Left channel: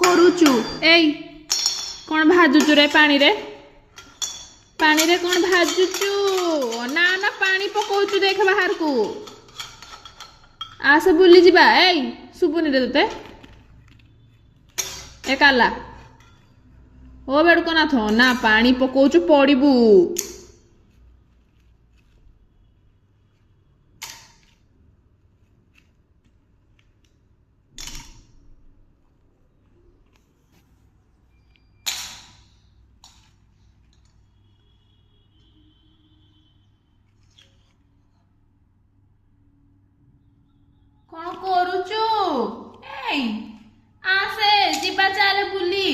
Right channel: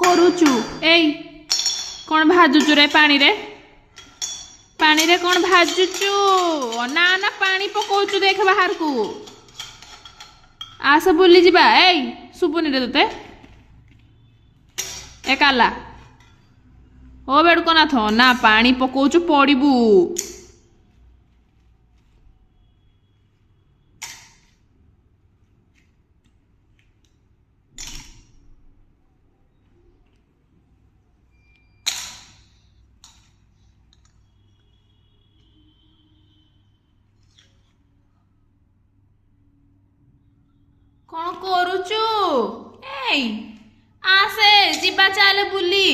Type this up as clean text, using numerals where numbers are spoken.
କରୁଛୁ ଏଇ କ'ଣ ଭାଜୁଛୁ ରେ ପାଣିରେ କ'ଣ ଭାଜୁଛୁ ନା ନା ପାଣି ପକଉଛୁ ଦେଖ ବାହାରକୁ ଆସ ବୁଲିଯିବା ଏଇ ଶୁଭୁନି ରେ ତୋତେ ଏ କାଲା ଓ ବେଡ଼ୁକନାଥ ନା ପାଣି ପକଉଛୁ ପଡ଼ିବୁ କ'ଣ କରୁଛୁ ଏଇ ଆସେ ଯିବା ଚାଲେ ବୁଲି